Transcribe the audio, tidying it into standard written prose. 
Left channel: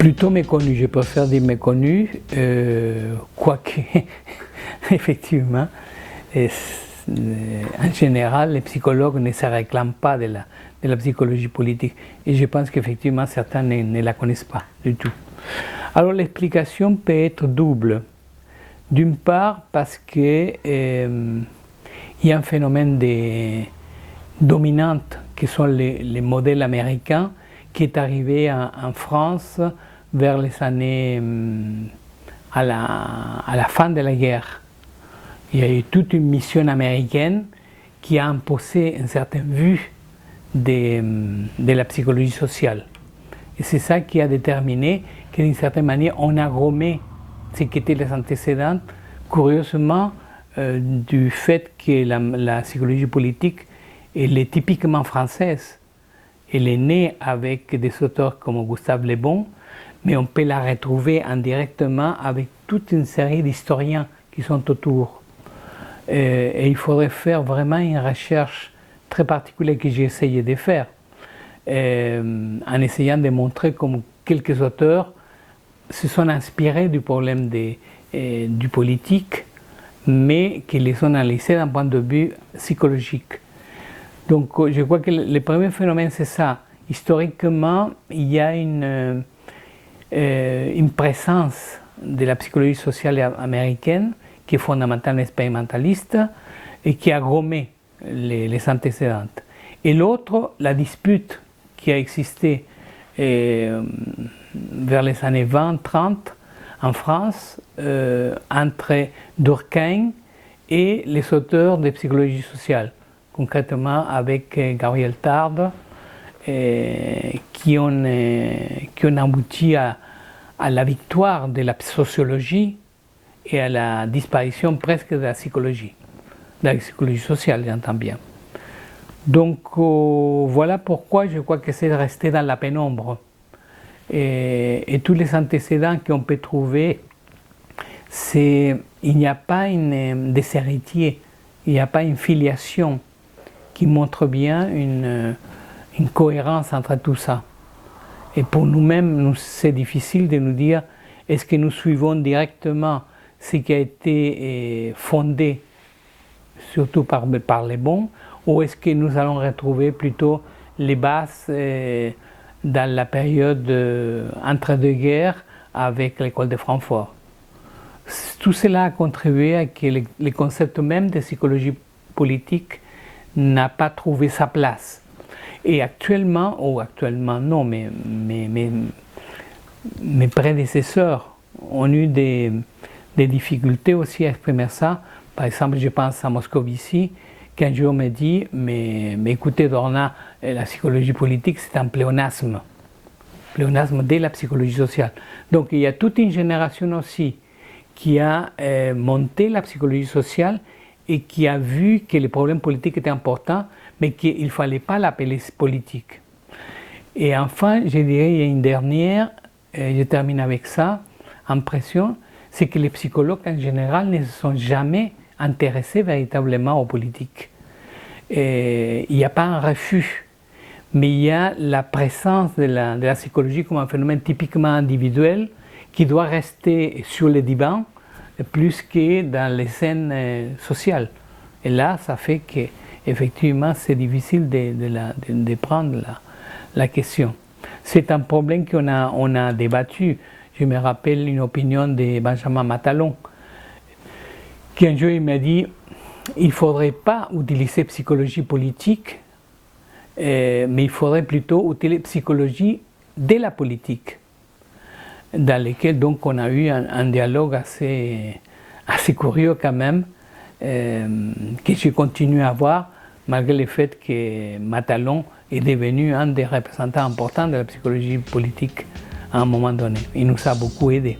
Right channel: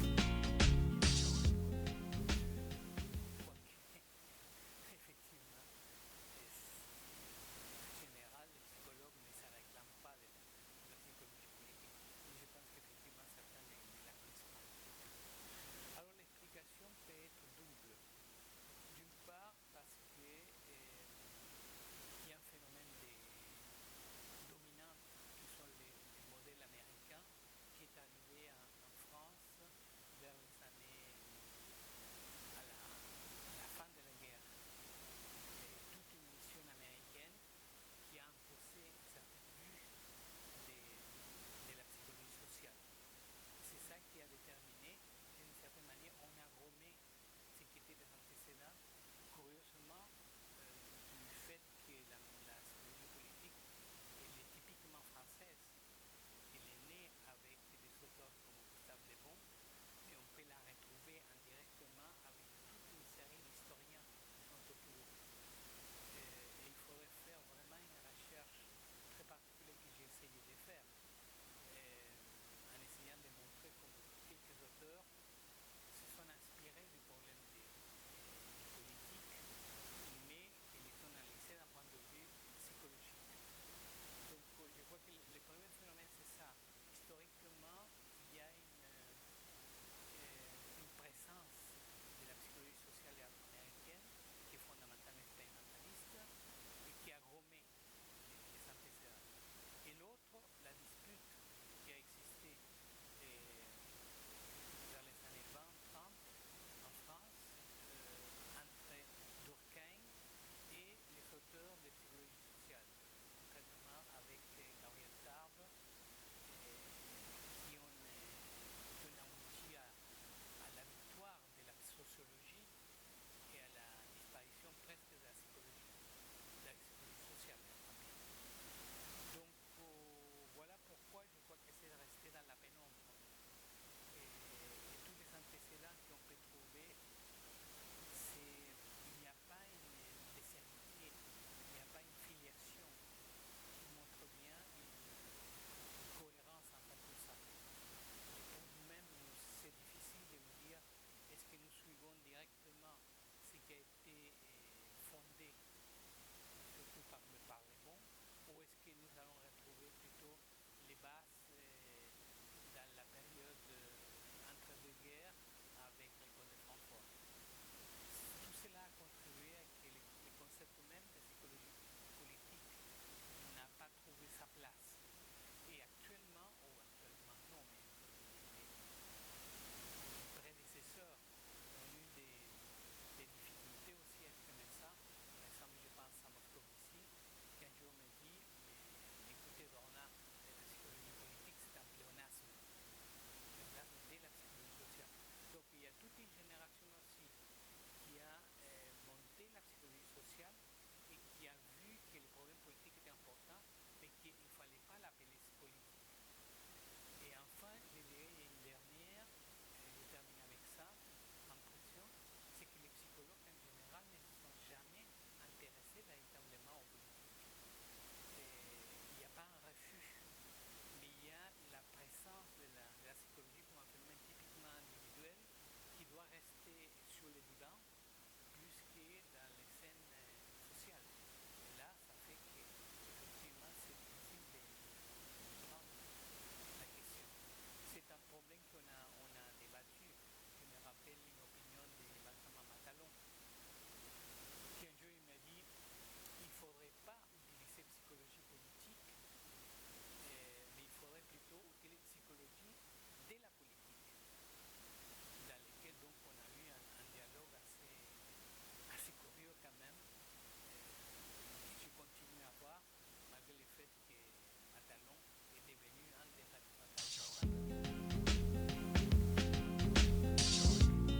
Plutôt méconnu, je préfère dire méconnu, quoique, effectivement, en général, les psychologues ne se réclament pas de la psychologie politique. Et je pense qu'effectivement, certains ne la connaissent pas du tout. Alors l'explication peut être double. D'une part, parce qu'il y a un phénomène dominant qui sont les modèles américains qui est arrivé en France vers les années à la fin de la guerre. Il y a eu toute une mission américaine qui a imposé une certaine vue de la psychologie sociale. Et c'est ça qui a déterminé que d'une certaine manière on a gommé ce qu'étaient les antécédents, curieusement, du fait que la psychologie politique elle est typiquement française. Elle est née avec des auteurs comme Gustave Le Bon, mais on peut la retrouver indirectement avec toute une série d'historiens qui sont autour. Et il faudrait faire vraiment une recherche très particulière que j'ai essayé de faire, en essayant de montrer comment quelques auteurs se sont inspirés du problème du politique, mais qu'ils les ont analysés d'un point de vue psychologique. Donc je crois que le premier phénomène c'est ça. Historiquement, il y a une présence de la psychologie sociale américaine qui est fondamentalement expérimentaliste et qui a gommé les antécédents. Et l'autre, la dispute qui a existé vers les années 20-30 en France entre Durkheim et les auteurs de psychologie sociale, concrètement avec Gabriel Tarde, qui ont abouti à la victoire de la sociologie et à la disparition presque de la psychologie sociale, j'entends bien. Donc voilà pourquoi je crois que c'est resté dans la pénombre. Et tous les antécédents qu'on peut trouver, il n'y a pas des héritiers, il n'y a pas une filiation qui montre bien une cohérence entre tout ça. Et pour nous-mêmes, c'est difficile de nous dire est-ce que nous suivons directement ce qui a été fondé, surtout par les bons, ou est-ce que nous allons retrouver plutôt les bases dans la période entre deux guerres avec l'école de Francfort. Tout cela a contribué à que le concept même de psychologie politique n'a pas trouvé sa place. Et actuellement non, mais mes prédécesseurs ont eu des difficultés aussi à exprimer ça. Par exemple, je pense à Moscovici, qui un jour me dit mais écoutez Dorna, la psychologie politique c'est un pléonasme de la psychologie sociale. Donc il y a toute une génération aussi qui a monté la psychologie sociale et qui a vu que les problèmes politiques étaient importants, mais qu'il ne fallait pas l'appeler politique. Et enfin, je dirais, il y a une dernière, je termine avec ça, impression, c'est que les psychologues en général ne se sont jamais intéressés véritablement aux politiques. Il n'y a pas un refus, mais il y a la présence de la psychologie comme un phénomène typiquement individuel qui doit rester sur les divans plus que dans les scènes sociales. Et là, ça fait qu'effectivement, c'est difficile de prendre la question. C'est un problème qu'on a débattu. Je me rappelle une opinion de Benjamin Matalon, qui un jour il m'a dit il ne faudrait pas utiliser psychologie politique, mais il faudrait plutôt utiliser psychologie de la politique, dans lequel donc on a eu un dialogue assez curieux quand même, que je continue à avoir, malgré le fait que Matalon est devenu un des représentants importants de la psychologie politique à un moment donné. Il nous a beaucoup aidés.